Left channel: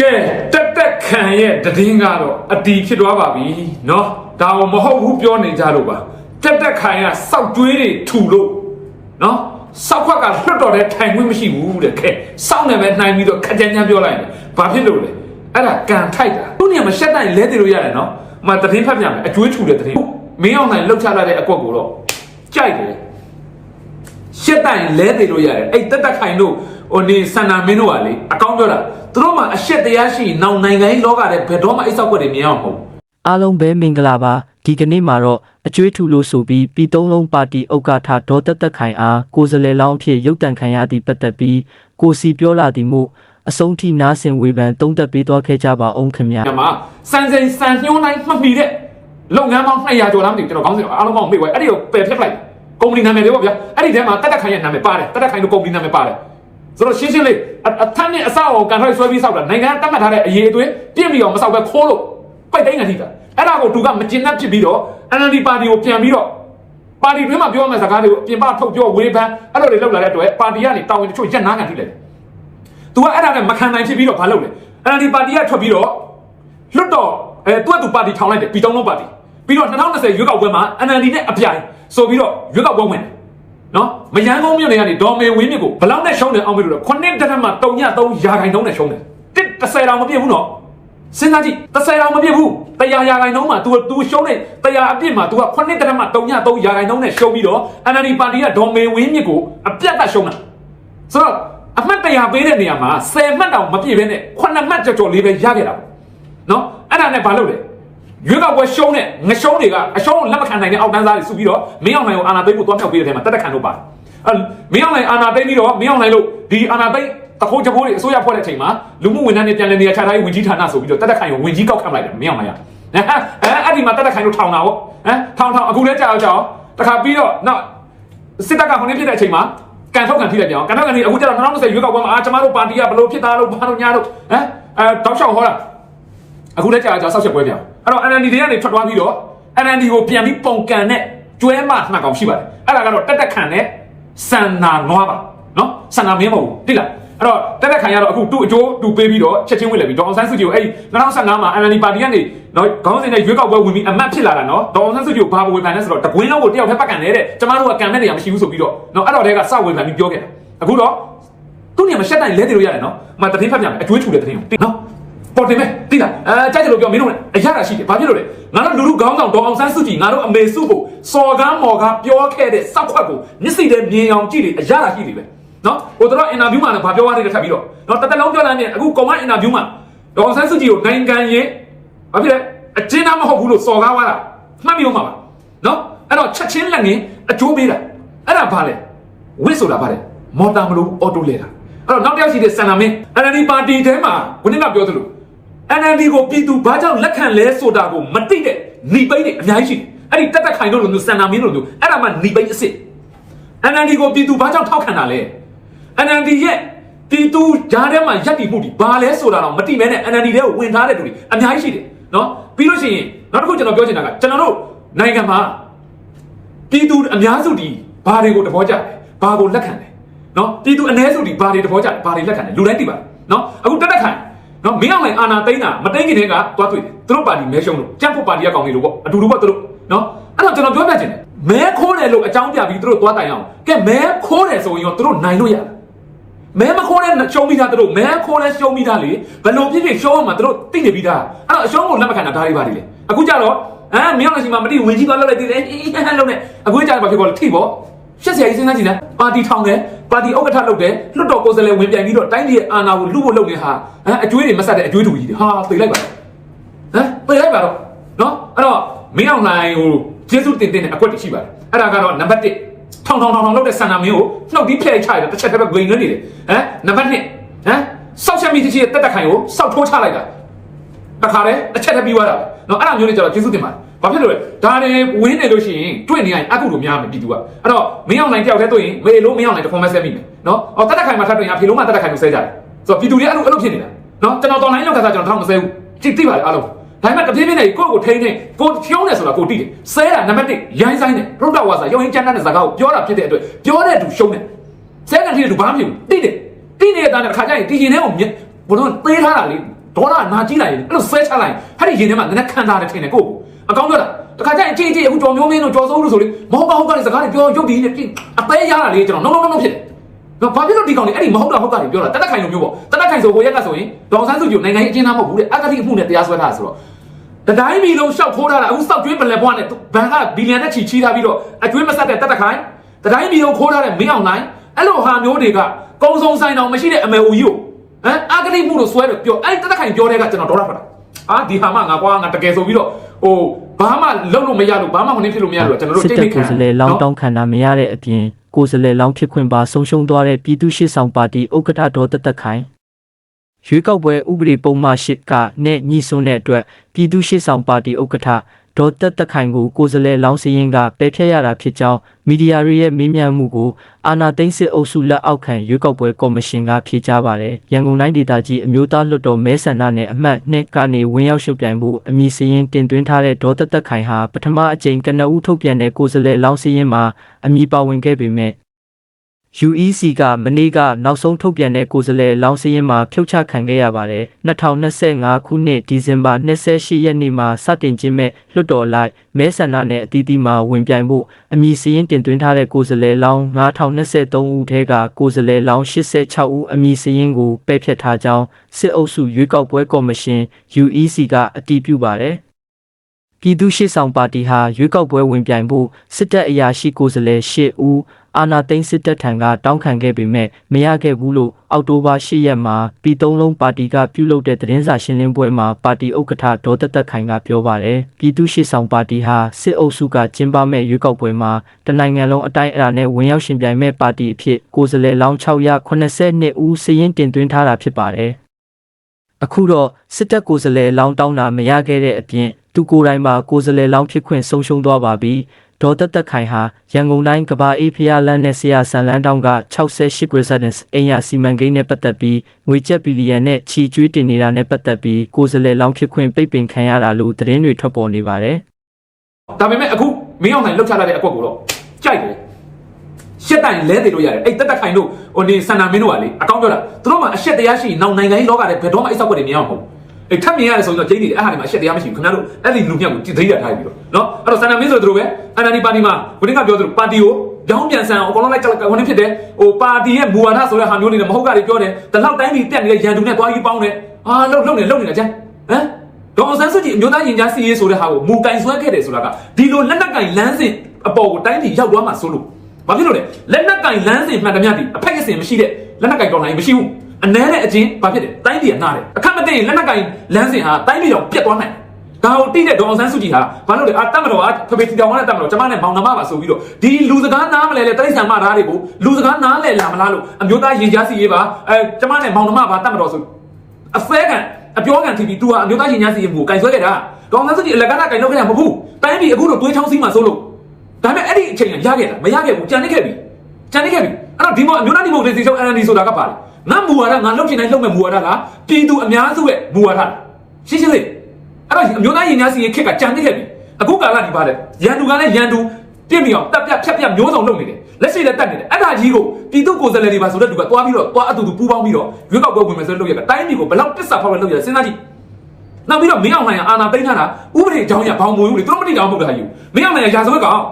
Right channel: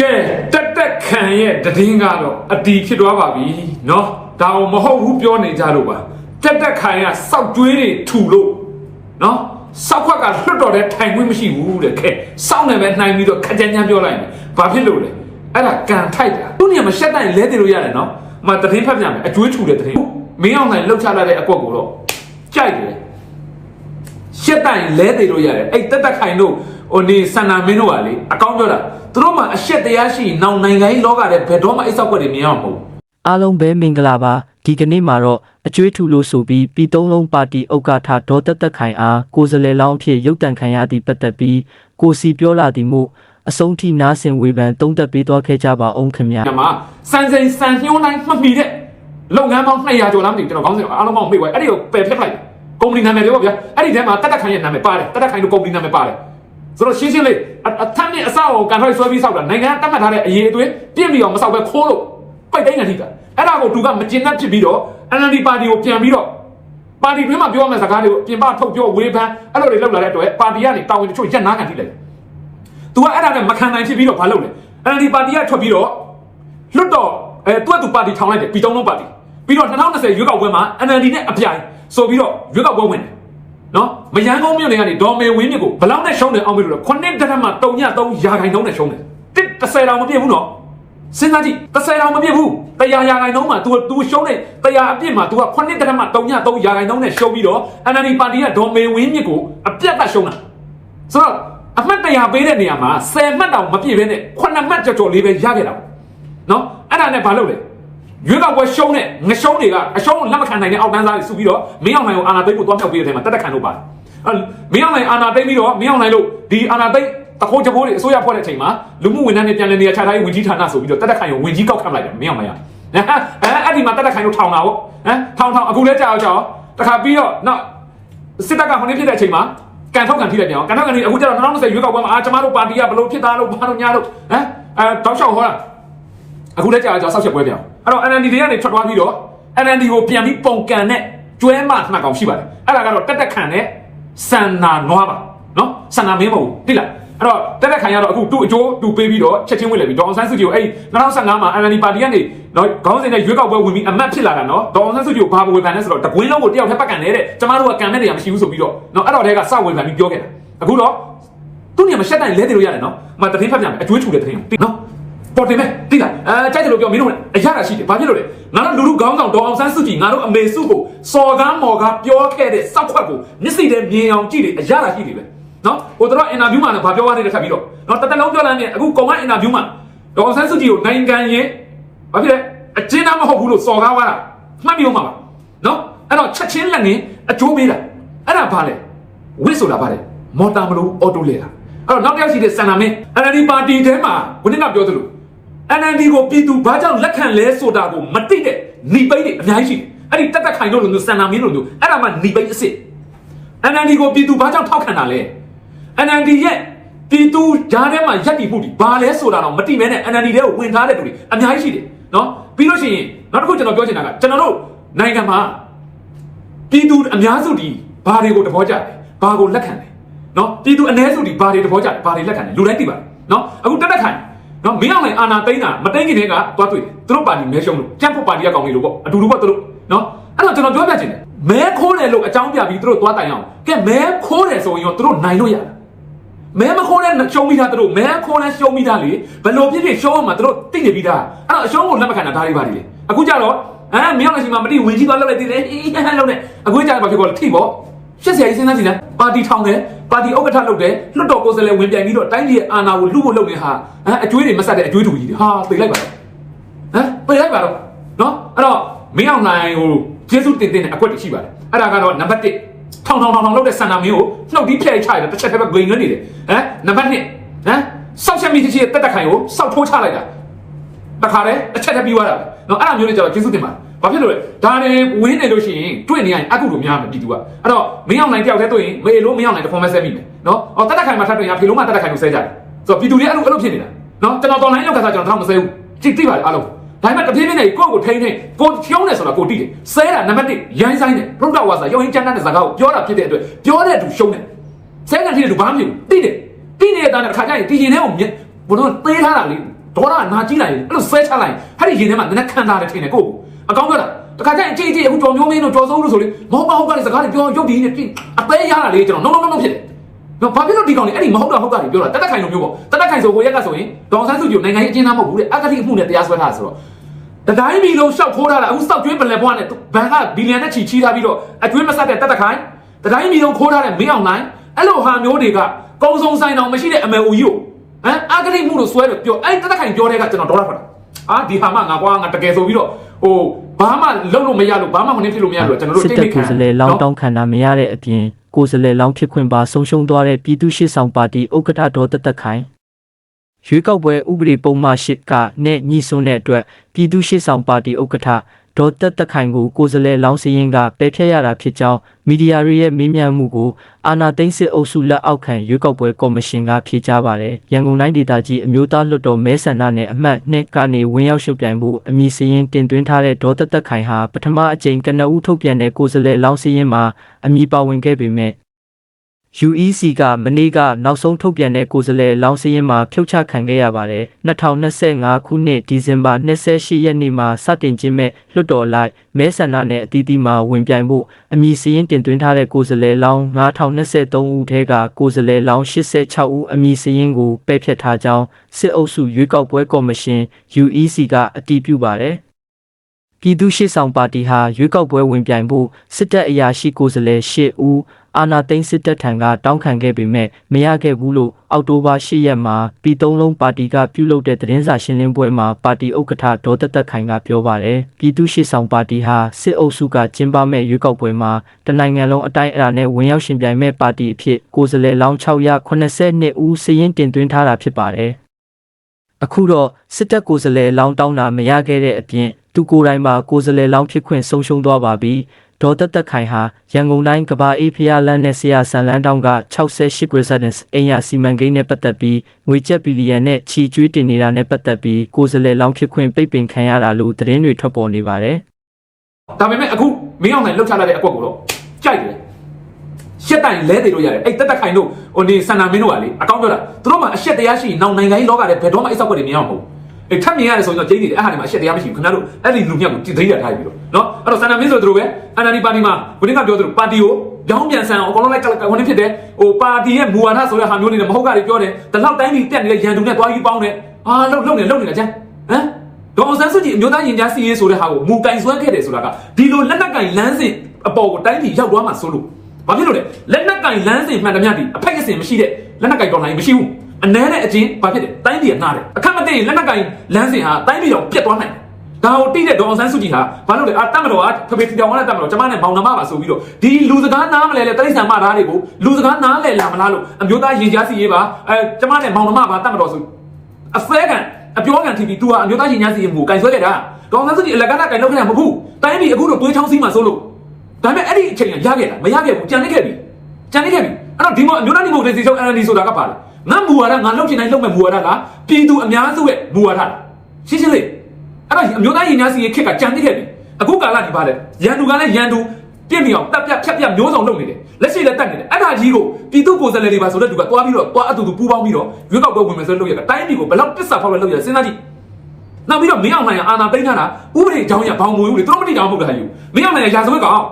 ကဲတက်တက်ခံရဲ့တည်င်းကတော့အတီဖြစ်သွားပါပြီเนาะဒါကိုမဟုတ်ဘူးပြောနေကြလို့ပါတက်တက်ခံကစောက်ကျွေးတွေထူလို့เนาะစောက်ခွက်ကလွတ်တော်တဲ့ထိုင်ခွင့်မရှိဘူးတဲ့ခဲစောက်နေပဲနှိုင်းပြီးတော့ခက်ကြမ်းကြမ်းပြောလိုက်တယ်ဘာဖြစ်လို့လဲအဲ့ဒါကန်ထိုက်တာသူနေရာမှာရှက်တိုင်လဲတည်လို့ရတယ်เนาะမတည်င်းဖတ်ပြမယ်အကျွေးထူတဲ့တည်င်းမင်းအောင်နိုင်လှုပ်ချလာတဲ့အကွက်ကိုတော့ကြိုက်တယ် ရှက်တိုင်လဲသေးလို့ရတယ်အဲ့တက်တက်ခိုင်တို့ဟိုနေဆန္ဒမင်းတို့ကလေအကောင်းပြောတာ သူတို့မှအရှက်တရားရှိရင်နောင်နိုင်ငံရေးလောကတဲ့ဘယ်တော့မှအိတ်ဆောက်ွက်တွေမြင်အောင်မဟုတ်ဘူးအားလုံးပဲမင်္ဂလာပါဒီကနေ့မှာတော့အကျွေးထူလို့ဆိုပြီးပြည်သုံးလုံးပါတီဥက္ကဋ္ဌဒေါ်တက်တက်ခိုင်အားကိုယ်စားလှယ်လောင်းအဖြစ်ရုတ်တံခံရသည့်ပတ်သက်ပြီးကိုစီပြောလာသည်မို့အဆုံးထိနားဆင်ဝေဖန်တုံးသက်ပေးသွားခဲ့ကြပါအောင်ခင်ဗျာညမှာစန်စင်စန်ညှိုးတိုင်းမှတ်ပြီးတဲ့လုပ်ငန်းပေါင်း200ကျော်လားမသိဘူးကျွန်တော်ကောင်းစင်ပါအားလုံးပေါင်းမေ့သွားအဲ့ဒီကိုပယ်ဖက်လိုက်ကုမ္ပဏီနာမည်တွေပေါ့ဗျာအဲ့ဒီထဲမှာတက်တက်ခိုင်ရဲ့နာမည်ပါတယ်တက်တက်ခိုင်တို့ကုမ္ပဏီနာမည်ပါတယ် ဆိုတော့ရှင်းရှင်းလေးအအထက်နဲ့အဆောက်အုံကန်ထွက်ဆွဲပြီးဆောက်တာနိုင်ငံတတ်မှတ်ထားတဲ့အရေးအသွေးပြည့်ပြီးတော့မဆောက်ပဲခိုးလို့ပိတ်သိမ်းနေလိမ့်တာအဲ့ဒါကိုသူကမကျင်တတ်ဖြစ်ပြီးတော့ NLD ပါတီကိုပြန်ပြီးတော့ပါတီတွင်းမှာပြောမယ့်စကားတွေကိုပြင်ပထုတ်ပြောဝေဖန်အဲ့လိုတွေလုပ်လာတဲ့အတွက်ပါတီကနေတာဝန်တချို့ရက်နားခံထိလိုက်တယ်။ तू ကအဲ့ဒါနဲ့မခံနိုင်ဖြစ်ပြီးတော့ဘာလုပ်လဲ။ NLD ပါတီကထွက်ပြီးတော့လွတ်တော့အဲသူကသူပါတီထောင်လိုက်တယ်ပြည်တော်လုံးပါတီပြီးတော့2020ရွေးကောက်ပွဲမှာ NLD နဲ့အပြိုင်ဆိုပြီးတော့ရွေးကောက်ပွဲဝင်တယ်။နော် မရန်ကုန်မြို့နယ်ကနေဒေါ်မေဝင်းမြစ်ကိုဘလောက်နဲ့ရှုံးတယ်အောင်ပြီလို့9တက်တက်မှ3ည3ရာခိုင်နှုန်းနဲ့ရှုံးတယ်။တစ်30တောင်မပြည့်ဘူးနော်။စဉ်းစားကြည့်30တောင်မပြည့်ဘူးတရားရာခိုင်နှုန်းမှာ तू तू ရှုံးတယ်တရားအပြည့်မှာ तू က9တက်တက်မှ3ည3ရာခိုင်နှုန်းနဲ့ရှုံးပြီးတော့ NLD ပါတီကဒေါ်မေဝင်းမြစ်ကိုအပြတ်တက်ရှုံးတာ။ဆိုတော့အမှတ်တရားပေးတဲ့နေရာမှာ10မှတ်တောင်မပြည့်ဘဲနဲ့9မှတ်ကျော်ကျော်လေးပဲရခဲ့တာ။နော်အဲ့ဒါနဲ့ဘာလုပ်လဲ။ရွေးကောက်ပွဲရှုံးတဲ့ငရှုံးတွေကအရှုံးကိုလက်မခံနိုင်တဲ့အောက်တန်းသားတွေဆိုပြီးတော့မင်းအောင်နိုင်ကိုအာဏာသိမ်းမှုတွားထုတ်ပေးတဲ့ထဲမှာတက်တက်ခံလို့ပါအဲ မင်းအောင်နိုင်အာဏာသိမ်းပြီးတော့မင်းအောင်နိုင်လို့ဒီအာဏာသိမ်းတခိုးချပိုးတွေအစိုးရဖွဲ့တဲ့အချိန်မှာလူမှုဝန်ထမ်းတွေပြန်လည်နေရာချထားရေးဝန်ကြီးဌာနဆိုပြီးတော့တက်တက်ခံကိုဝန်ကြီးကောက်ခံလိုက်တယ်မင်းအောင်နိုင်ကအဲအဲ့ဒီမှာတက်တက်ခံကိုထောင်တာဟုတ်ဟမ်ထောင်ထောင်အခုလဲကြာအောင်ကြာအောင်တခါပြီးတော့နောက်စစ်တပ်ကခဏဖြစ်တဲ့အချိန်မှာကန်ထုတ်ကန်ထိလိုက်တယ်အောင်ကန်ထုတ်ကန်ထိအခုကျတော့2020ရွေးကောက်ပွဲမှာအာကျမတို့ပါတီကဘလို့ဖြစ်တာလို့ဘာလို့ညာလို့ဟမ်အဲတောက်လျှောက်ဟောတာအခုလည်းကြာကြာဆောက်ချက်ပွဲပြောင်းအဲ့တော့ NND တွေကနေထွက်သွားပြီးတော့ NND ကိုပြန်ပြီးပုံကန်နဲ့ကျွဲမနှစ်ကောင်ရှိပါတယ်အဲ့ဒါကတော့တက်တက်ခံနဲ့ စန္နာနွားပါနော်စန္နာမင်းမဟုတ်ဘူးတိလားအဲ့တော့တက်တက်ခံရတော့အခုသူ့အကျိုးသူပေးပြီးတော့ချက်ချင်းဝင်လာပြီးဒေါအောင်ဆန်းစုကြည်ကိုအဲ့2015မှာ NND ပါတီကနေတော့ခေါင်းစဉ်နဲ့ရွေးကောက်ပွဲဝင်ပြီးအမတ်ဖြစ်လာတာနော်ဒေါအောင်ဆန်းစုကြည်ကိုဘာဝင်ခံလဲဆိုတော့တကွင်းလုံးကိုတယောက်ထပ်ပတ်ကန်နေတဲ့ကျမတို့ကကန်တဲ့နေရာမရှိဘူးဆိုပြီးတော့နော်အဲ့တော့တည်းကစဝင်ခံပြီးပြောခဲ့တာအခုတော့သူနေရာမှာရှက်တိုင်လဲတယ်လို့ရတယ်နော်မတတိဖက်ပြန်အကျွေးထူတဲ့တတိနော် တော်တယ်မဲ့တိလားအဲကြိုက်တယ်လို့ပြောမင်းတို့အရတာရှိတယ်ဘာဖြစ်လို့လဲငါတို့လူလူကောင်းဆောင်ဒေါအောင်ဆန်းစုကြည်ငါတို့အမေစုကိုစော်ကားမော်ကားပြောခဲ့တဲ့စောက်ခွက်ကိုမျက်စိနဲ့မြင်အောင်ကြည့်တယ်အရတာရှိတယ်ပဲနော်ဟိုတော့အင်တာဗျူးမှာလည်းဘာပြောရလဲထပ်ပြီးတော့နော်တက်တက်လုံးပြောလာနေအခုကောင်ကအင်တာဗျူးမှာဒေါအောင်ဆန်းစုကြည်ကိုနိုင်ငံရေးအဖြစ်အကျဉ်းသားမဟုတ်ဘူးလို့စော်ကားသွားတာမှတ်မိအောင်ပါနော်အဲ့တော့ချက်ချင်းလက်ငင်းအကျိုးပေးတာအဲ့ဒါဘာလဲဝစ်ဆိုတာဘာလဲမော်တာမလို့အော်တိုလေတာအဲ့တော့နောက်တစ်ယောက်ရှိတဲ့ဆန္ဒမင်း NLD ပါတီထဲမှာခုနကပြောသလို NLD ကိုပြည်သူဘာကြောင့်လက်ခံလဲဆိုတာကိုမသိတဲ့หนีပိတ်တွေအများကြီးရှိတယ်အဲ့ဒီတက်တက်ခိုင်တို့လိုမျိုးစန္ဒာမင်းတို့လိုအဲ့ဒါမှหนีပိတ်အစ်စ် NLD ကိုပြည်သူဘာကြောင့်ထောက်ခံတာလဲ NLD ရဲ့ပြည်သူကြားထဲမှာရပ်တည်မှုတွေဘာလဲဆိုတာတော့မသိမဲနဲ့ NLD ထဲကိုဝင်ထားတဲ့သူတွေအများကြီးရှိတယ်နော်ပြီးလို့ရှိရင်နောက်တစ်ခုကျွန်တော်ပြောချင်တာကကျွန်တော်တို့နိုင်ငံမှာပြည်သူအများစုဒီဘာတွေကိုတဘောကြတယ်ဘာကိုလက်ခံတယ်နော်ပြည်သူအ ਨੇ စုဒီဘာတွေတဘောကြတယ်ဘာတွေလက်ခံတယ်လူတိုင်းသိပါတယ်နော်အခုတက်တက်ခိုင် နော်မင်းအောင်နိုင်အာနာသိန်းတာမသိန်းခင်တည်းကသွားတွေ့တယ်သူတို့ပါတီမဲရှုံးလို့ကြက်ဖို့ပါတီကကောင်းပြီလို့ပေါ့အတူတူပေါ့သူတို့နော်အဲ့တော့ကျွန်တော်ပြောပြချင်တယ်မဲခိုးတယ်လို့အကြောင်းပြပြီးသူတို့သွားတိုင်အောင်ကဲမဲခိုးတယ်ဆိုရင်ရောသူတို့နိုင်လို့ရတယ်မဲမခိုးတဲ့ရှုံးမိသားသူတို့မဲခိုးတဲ့ရှုံးမိသားလေဘယ်လိုဖြစ်ဖြစ်ရှုံးမှာသူတို့သိနေပြီးသားအဲ့တော့အရှုံးကိုလက်မခံတာဒါတွေပါလေလေအခုကျတော့ဟမ်မင်းအောင်နိုင်ရှင်မှာမတိဝင်ကြီးသွားလောက်လိုက်တည်တယ်အီးဟန်လုံးနဲ့အခုကျတော့ဘာဖြစ်ကောထိပေါ့ ရှက်စရာကြီးစဉ်းစားကြည့်လားပါတီထောင်တယ်ပါတီဥက္ကဋ္ဌလုပ်တယ်လွှတ်တော်ကိုယ်စားလှယ်ဝင်ပြိုင်ပြီးတော့တိုင်းပြည်ရဲ့အာဏာကိုလူဖို့လုပ်နေဟာအဲအကျွေးတွေမဆက်တဲ့အကျွေးတူကြီးတွေဟာသိလိုက်ပါလားဟမ်ပြလိုက်ပါတော့နော်အဲ့တော့မင်းအောင်နိုင်ကိုကျေးဇူးတင်တင်တဲ့အခွက်တရှိပါတယ်အဲ့ဒါကတော့နံပါတ်1ထုံထုံထုံထုံလောက်တဲ့ဆန္ဒမင်းကိုနှုတ်ပြီးဖျက်ချရတယ်တစ်ချက်တည်းပဲဂိန်ငန်းနေတယ်ဟမ်နံပါတ်2ဟမ်ဆောက်ချက်မိတစ်ချက်တက်တက်ခိုင်ကိုစောက်ထိုးချလိုက်တာတစ်ခါတည်းတစ်ချက်တည်းပြီးသွားတာပဲနော်အဲ့ဒါမျိုးလေးကျတော့ကျေးဇူးတင်ပါတယ် ဘာဖြစ်လို့လဲဒါနဲ့ဝင်းနေလို့ရှိရင်တွေ့နေရင်အကုလို့များမယ်ပြည်သူကအဲ့တော့မင်းအောင်နိုင်တယောက်တည်းတွေ့ရင်မေလို့မင်းအောင်နိုင်တစ်ဖုံးမဲဆဲမိမယ်နော်အော်တက်တက်ခိုင်မှာထပ်တွေ့ရင်ဖေလုံးမှာတက်တက်ခိုင်ကိုဆဲကြတယ်ဆိုတော့ပြည်သူတွေအဲ့လိုအဲ့လိုဖြစ်နေတာနော်ကျွန်တော်တော်လိုင်းရောက်ကကျွန်တော်တော့မဆဲဘူးကြည့်သိပါလေအားလုံးဒါပေမဲ့တပြေးပြေးနဲ့ကိုယ့်ကိုထိန်းထိန်းကိုဖြုံးတယ်ဆိုတာကိုသိတယ်ဆဲတာနံပါတ်1ရိုင်းဆိုင်တယ်ပရိုဒက်ဝါစာရုံရင်းကျန်းတဲ့စကားကိုပြောတာဖြစ်တဲ့အတွက်ပြောတဲ့သူရှုံးတယ်ဆဲတဲ့ဖြစ်တဲ့သူဘာမှမဖြစ်ဘူးသိတယ်သိနေတဲ့တန်းနဲ့ခါကြရင်တည်ရင်ထဲကိုမြင်ဘုလို့ပေးထားတာလေ ဒေဒေါသနာကြီးလိုက်အဲ့လိုဆွဲချလိုက်ဖက်ဒီရင်ထဲမှာနည်းနည်းခံစားတယ်ထင်တယ်ကိုကိုအကောင်းပြောတာတခါကျရင်အကြည့်အကြည့်အခုကြော်မျိုးမင်းတို့ကြော်စိုးလို့ဆိုလေမဟုတ်ပါဟုတ်ပါလေစကားတွေပြောရုပ်တည်နေအသေးရတာလေးကျွန်တော်လုံးလုံးလုံးဖြစ်တယ်နော်ဘာဖြစ်လို့ဒီကောင်လေးအဲ့ဒီမဟုတ်တာဟုတ်တာပြောတာတက်တက်ခိုင်လိုမျိုးပေါ့တက်တက်ခိုင်ဆိုကိုရက်ကဆိုရင်ဒေါန်ဆန်းစုကြည်နိုင်ငံရေးအကျဉ်းသားမဟုတ်ဘူးလေအကတိအမှုနဲ့တရားစွဲထားတာဆိုတော့တတိုင်းမီလုံးရှောက်ထိုးထားတာအခုစောက်ကျွေးပလန်ဖွားနဲ့ဘန်ကဘီလီယံနဲ့ချီချီထားပြီးတော့အကျွေးမဆက်တဲ့တက်တက်ခိုင်တတိုင်းမီလုံးခိုးထားတဲ့မင်းအောင်နိုင်အဲ့လိုဟာမျိုးတွေကကုံစုံဆိုင်တော်မရှိတဲ့အမေအိုကြီးကို ဟမ်အကတိမှုလို့စွဲလို့ပြောအဲ့တက်တက်ခိုင်ပြောတဲ့ကကျွန်တော်ဒေါ်လာဖတ်တာအာဒီဟာမှငါကွာငါတကယ်ဆိုပြီးတော့ဟိုဘာမှလုံးလို့မရလို့ဘာမှမနေဖြစ်လို့မရလို့ကျွန်တော်တို့စစ်တပ်ကိုယ်စားလှယ်လောင်းတောင်းခံတာမရတဲ့အပြင်ကိုယ်စားလှယ်လောင်းဖြစ်ခွင့်ပါဆုံးရှုံးသွားတဲ့ပြည်သူ့ရှေ့ဆောင်ပါတီဥက္ကဋ္ဌဒေါ်တက်တက်ခိုင်ရွေးကောက်ပွဲဥပဒေပုံမှန်၈ကနဲ့ညီစွန်းတဲ့အတွက်ပြည်သူ့ရှေ့ဆောင်ပါတီဥက္ကဋ္ဌ ဒေါ်တက်တက်ခိုင်ကိုကိုယ်စားလှယ်လောင်းစည်းရင်ကပယ်ဖျက်ရတာဖြစ်ကြောင်းမီဒီယာတွေရဲ့မေးမြန်းမှုကိုအာနာသိန်းစစ်အုပ်စုလက်အောက်ခံရွေးကောက်ပွဲကော်မရှင်ကဖြေကြားပါတယ်။ရန်ကုန်တိုင်းဒေသကြီးအမျိုးသားလွှတ်တော်မဲဆန္ဒနယ်အမှတ်2ကနေဝင်ရောက်ရှုပ်ပြိုင်မှုအမည်စည်းရင်တင်သွင်းထားတဲ့ဒေါ်တက်တက်ခိုင်ဟာပထမအကြိမ်ကနအူးထုတ်ပြန်တဲ့ကိုယ်စားလှယ်လောင်းစည်းရင်မှာအမည်ပါဝင်ခဲ့ပေမဲ့ UEC ကမနေ့ကနောက်ဆုံးထုတ်ပြန်တဲ့ကိုယ်စားလှယ်လောင်းစည်းရင်မှာဖြုတ်ချခံခဲ့ရပါတယ်2025ခုနှစ်ဒီဇင်ဘာ28ရက်နေ့မှာစတင်ခြင်းမဲ့လွှတ်တော်လိုက်မဲဆန္ဒနဲ့အသီးသီးမှာဝင်ပြိုင်ဖို့အမည်စည်းရင်တင်သွင်းထားတဲ့ကိုယ်စားလှယ်လောင်း9023ဦးထဲကကိုယ်စားလှယ်လောင်း86ဦးအမည်စည်းရင်ကိုပယ်ဖျက်ထားကြောင်းစစ်အုပ်စုရွေးကောက်ပွဲကော်မရှင် UEC ကအတည်ပြုပါတယ် ပြည်သူ့ရှေ့ဆောင်ပါတီဟာရွေးကောက်ပွဲဝင်ပြိုင်ဖို့စစ်တပ်အရာရှိကိုယ်စားလှယ်၈ဦးအာနာသိန်းစစ်တပ်ထံကတောင်းခံခဲ့ပေမဲ့မရခဲ့ဘူးလို့အောက်တိုဘာ၈ရက်မှာပြည်သုံးလုံးပါတီကပြုလုပ်တဲ့သတင်းစာရှင်းလင်းပွဲမှာပါတီဥက္ကဋ္ဌဒေါ်သက်သက်ခိုင်ကပြောပါတယ်ပြည်သူ့ရှေ့ဆောင်ပါတီဟာစစ်အုပ်စုကကျင်းပမဲ့ရွေးကောက်ပွဲမှာတနိုင်ငံလုံးအတိုင်းအတာနဲ့ဝင်ရောက်ရှင်ပြိုင်မဲ့ပါတီအဖြစ်ကိုယ်စားလှယ်လောင်း682ဦးစည်ရင်တင်သွင်းထားတာဖြစ်ပါတယ်အခုတော့စစ်တပ်ကိုယ်စားလှယ်လောင်းတောင်းတာမရခဲ့တဲ့အပြင် သူကိုယ်တိုင်မှာကိုယ်စားလှယ်လောင်းဖြစ်ခွင့်ဆုံးရှုံးသွားပါပြီဒေါ်သက်သက်ခိုင်ဟာရန်ကုန်တိုင်းကဘာအေးဖျားလန်းနဲ့ဆရာဆန်လန်းတောင်းက68 residence အိမ်ရစီမံကိန်းနဲ့ပတ်သက်ပြီးငွေကျပ်ဘီလီယံနဲ့ချီကျွေးတင်နေတာနဲ့ပတ်သက်ပြီးကိုယ်စားလှယ်လောင်းဖြစ်ခွင့်ပိတ်ပင်ခံရတာလို့သတင်းတွေထွက်ပေါ်နေပါတယ်ဒါပေမဲ့အခုမင်းအောင်နိုင်လှုပ်ချလိုက်တဲ့အဖေကိုတော့ကြိုက်တယ်ရှက်တိုင်လဲနေလို့ရတယ်အဲ့တက်တက်ခိုင်တို့ဟိုနေစန္ဒာမင်းတို့ကလေအကောင်းပြောတာသူတို့မှအရှက်တရားရှိရင်နောက်နိုင်ငံရေးလောကတဲ့ဘယ်တော့မှအိဆောက်ွက်တွေမရအောင်မဟုတ် အဲ့ထပ်မြင်ရတယ်ဆိုရင်ကျင်းနေတယ်အားဟာဒီမှာအရှက်တရားမရှိဘူးခင်ဗျားတို့အဲ့ဒီလူမြတ်ကိုတိတ်ရထားပြီးတော့နော်အဲ့တော့စန္ဒာမင်းဆိုသူတို့ပဲအန်အန်ဒီပါတီမှာခဏကပြောသူတို့ပါတီကိုတောင်းပြန်ဆန်အောင်အကုန်လုံးလိုက်ကြောက်ကဝင်ဖြစ်တယ်ဟိုပါတီရဲ့မူဝါဒဆိုတဲ့ဟာမျိုးတွေမဟုတ်ကြတွေပြောနေတလောက်တိုင်းပြည်ပြတ်နေတဲ့ရန်သူနဲ့တွားကြီးပေါင်းနေအာလှုပ်လှုပ်နေလှုပ်နေတာကျဟမ်ဒေါ်စန်းစုကြည်အမျိုးသားရင်ကြားစီရေးဆိုတဲ့ဟာကိုမူကင်ဆွဲခဲ့တယ်ဆိုတာကဒီလိုလက်နက်ကင်လမ်းစဉ်အပေါ်ကိုတိုင်းပြည်ရောက်သွားမှဆိုလို့ဘာဖြစ်လို့လဲလက်နက်ကင်လမ်းစဉ်မှန်သမျှဒီအဖက်အစင်မရှိတဲ့လက်နက်ကင်ကောင်တိုင်းမရှိဘူး အနမ်းနဲ့အချင်းဘာဖြစ်လဲတိုင်းပြည်ကနားတယ်အခက်မတည့်ရင်လက်နက်ကင်လမ်းစဉ်ဟာတိုင်းပြည်တော့ပြတ်သွားနိုင်တယ်ဒါကိုတိတဲ့ဒေါ်စန်းစုကြည်ဟာဘာလို့လဲအာတတ်မတော်ကဖဖေပြောင်းတဲ့တတ်မတော်ကျမနဲ့မောင်နှမပါဆိုပြီးတော့ဒီလူစကားနားမလဲလေတိုင်းဆန်မသားတွေကိုလူစကားနားလဲလာမလားလို့အမျိုးသားရင်ကြားစီရေးပါအဲကျမနဲ့မောင်နှမပါတတ်မတော်ဆိုအစဲကန်အပြောကန် TV သူကအမျိုးသားရင်ကြားစီအမှုကန်ဆွဲခဲ့တာဒေါ်စန်းစုကြည်အလကားနဲ့ကန်တော့ခဲ့တာမဟုတ်ဘူးတိုင်းပြည်အခုတော့တွေးချောင်းစီးမှဆိုလို့ဒါပေမဲ့အဲ့ဒီအချိန်ကရခဲ့တာမရခဲ့ဘူးကြံနေခဲ့ပြီကြံနေခဲ့ပြီအဲ့တော့ဒီမှာအမျိုးသားဒီမိုကရေစီချုပ် NLD ဆိုတာကပါလေ ငါမူဝါဒငါလုပ်ချင်တိုင်းလုပ်မဲ့မူဝါဒလားပြည်သူအများစုရဲ့မူဝါဒရှင်းရှင်းလေးအဲ့တော့အမျိုးသားရင်ကြားစီရဲ့ခက်ကကြံနေခဲ့ပြီအခုကာလဒီပါလေရန်သူကလည်းရန်သူပြင့်ပြီးတော့တက်ပြတ်ဖြတ်ပြတ်မျိုးစုံလုပ်နေတယ်လက်ရှိလည်းတက်နေတယ်အဲ့ဒါကြီးကိုပြည်သူကိုယ်စားလှယ်တွေပါဆိုတော့သူကသွားပြီးတော့သွားအတူတူပူးပေါင်းပြီးတော့ရွေးကောက်ပွဲဝင်မယ်ဆိုလို့ရတာတိုင်းပြည်ကိုဘယ်လောက်တစ္ဆာဖောက်လဲလုပ်ရစဉ်းစားကြည့်နောက်ပြီးတော့မင်းအောင်နိုင်အာနာသိမ်းတာဥပဒေကြောင်းရဘောင်မွေဦးလေသူတို့မတိအောင်ဘူးလားယူမင်းအောင်နိုင်ရာဇဝတ်ကောင်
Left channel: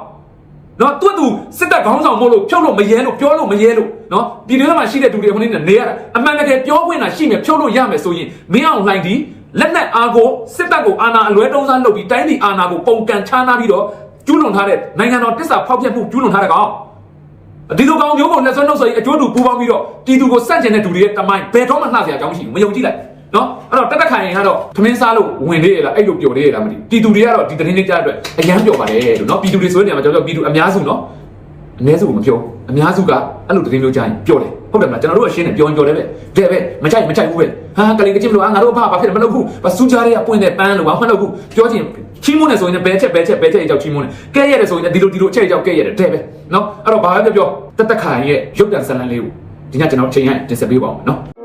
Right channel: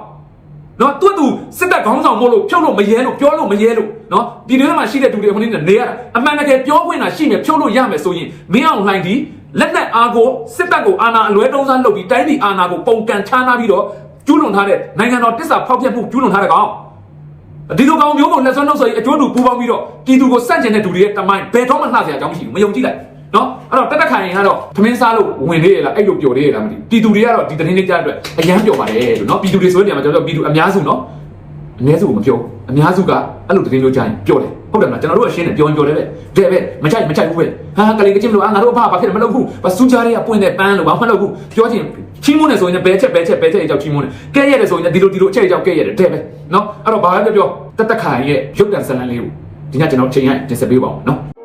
နော်တွတ်သူစစ်တပ်ခေါင်းဆောင်မို့လို့ဖြုတ်လို့မရဲလို့ပြောလို့မရဲလို့နော်ပြည်ထဲမှာရှိတဲ့သူတွေတမင်းနဲ့နေရတာအမှန်တကယ်ပြောခွင့်တာရှိမယ်ဖြုတ်လို့ရမယ်ဆိုရင်မင်းအောင်နိုင်ဒီလက်နက်အားကိုစစ်တပ်ကိုအာဏာအလွဲတုံးစားလုပ်ပြီးတိုင်းပြည်အာဏာကိုပုံကန်ချားနာပြီးတော့ကျူးလွန်ထားတဲ့နိုင်ငံတော်တစ္ဆာဖောက်ဖျက်မှုကျူးလွန်ထားတဲ့ကောင်ဒီလိုကောင်မျိုးကိုလက်စွမ်းလို့ဆိုရင်အကျိုးတူပူပေါင်းပြီးတော့ပြည်သူကိုစန့်ကျင်တဲ့သူတွေရဲ့တမိုင်းဘယ်တော့မှလှဆရာအကြောင်းမရှိဘူးမယုံကြည်လိုက် နော်အဲ့တော့တက်တက်ခိုင်ကတော့သမင်းစားလို့ဝင်နေရလားအဲ့လိုပျော်နေရလားမသိဘူးပြည်သူတွေကတော့ဒီသတင်းလေးကြားအတွက်အရန်ပျော်ပါတယ်လို့နော်ပြည်သူတွေဆိုတဲ့နေရာမှာကျွန်တော်တို့ပြည်သူအများစုနော်အများစုကမပြောအများစုကအဲ့လိုသတင်းလို့ကြားရင်ပျော်တယ်ဟုတ်တယ်မလားကျွန်တော်တို့ကရှင်းတယ်ပျော်ရင်ပျော်တယ်ပဲတဲ့ပဲမချိုက်မချိုက်ဘူးပဲဟာကလေးကချင်းလို့အာငါတို့ဘာဘာဖြစ်မလုပ်ဘူးမစူးကြရဲကပွင့်တဲ့ပန်းလို့ဘာမှမလုပ်ဘူးပြောချင်ချင်းမွန်းနေဆိုရင်ဘဲချက်ဘဲချက်ဘဲချက်အကြောက်ချင်းမွန်းနေကဲရတယ်ဆိုရင်ဒီလိုဒီလိုအချက်အကြောက်ကဲရတယ်တဲ့ပဲနော်အဲ့တော့ဘာပဲပြောတက်တက်ခိုင်ရဲ့ရုပ်တံဇာတ်လမ်းလေးကိုဒီကကျွန်တော်ချိန်ရတင်ဆက်ပေးပါဦးနော်